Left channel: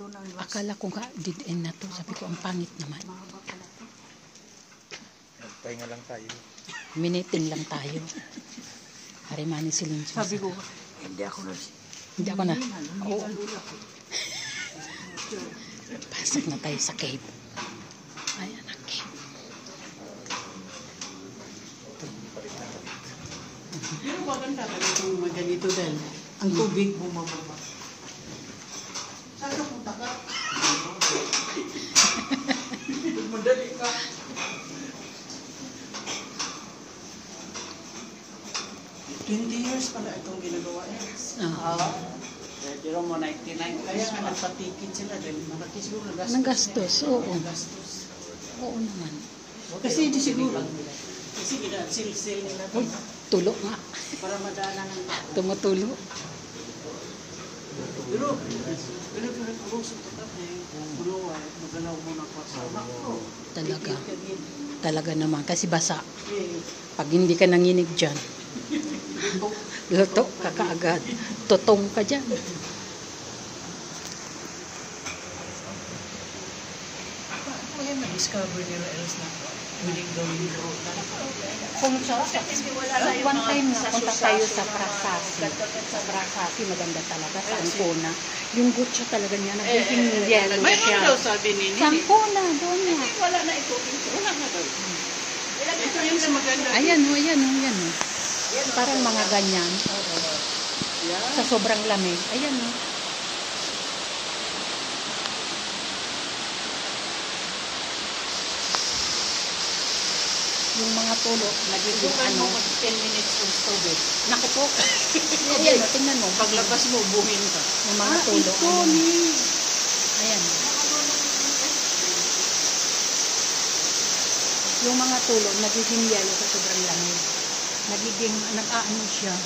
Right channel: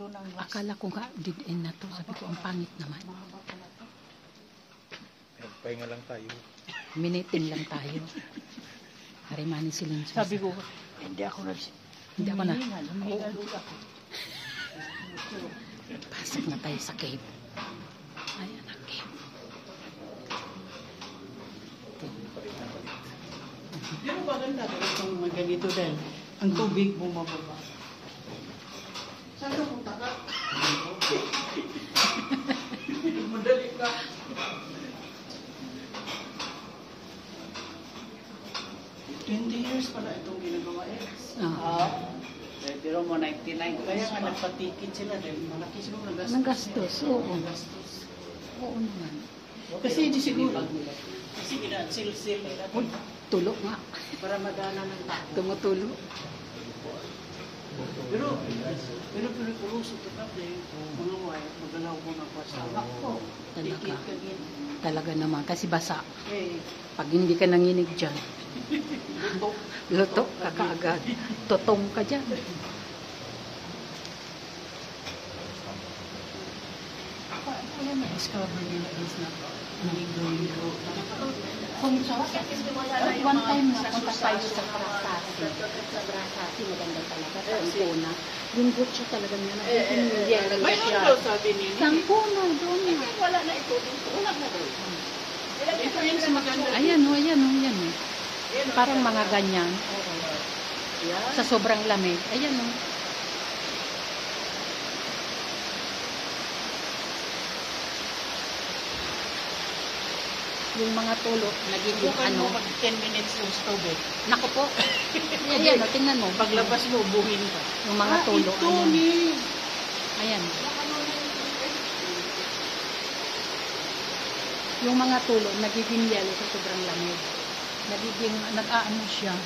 Ito na ang Akala ko nga, dead end na to. Sabi ko, ang pangit naman. mahaba pala ito. Pahinga lang tayo. Miniting lang tayo. Harimani silin siya. Sabi ko, hindi ako Hindi ako na. Oo. Pasok na tayo sa cave. Ayan ang cave. Pero maganda ba itong mga ganito dahil ang tubig bumababa. Saan ka punta ka? Madali ka. Years pala itong ginagawa eh. Pero mo 99 kaya nga nagpatikit sila dahil malaki siguro nagastos. Nagastos, oo. Nagastos. Oo naman. Kasi hindi siguro. Kasi sil-sil nila. Uy, tulo nga. Para madala ng tao. Tumutulo. Pero tuloy-tuloy ito kasi mga wire, nagalaw mo na pa sa Talaga. Talaga naman. Kasi basa. Eh, Pag hindi ka nanginig dyan, luto ka kaagad. Totong ka dyan. wala ma-discover nila else na hindi gawin ko. Kung one time na punta tayo sa Brasasi. Sa Brasasi, maganda talaga. Sa Ancona. Yung gutsa talaga niya, nagiging yellow May siya. mga daw sabi ni Sa Ancona, doon nga. wala na ito. Wala na daw. Ito yung mas maganda. Ayan o, ayan o, ayan o. Parang mga ganyan. Sa sobrang lamig. Ayan o. Yung mga tulo, nagiging ano. 10 minutes yung stove. Naku po. Ayan o, tingnan mo. Paglabas mo, buhin ka. Yung mga tulo. Ayan. Ayan. Yung mga tulo, nagiging yellow sa sobrang lamig. Nagiging, nag-aano siya.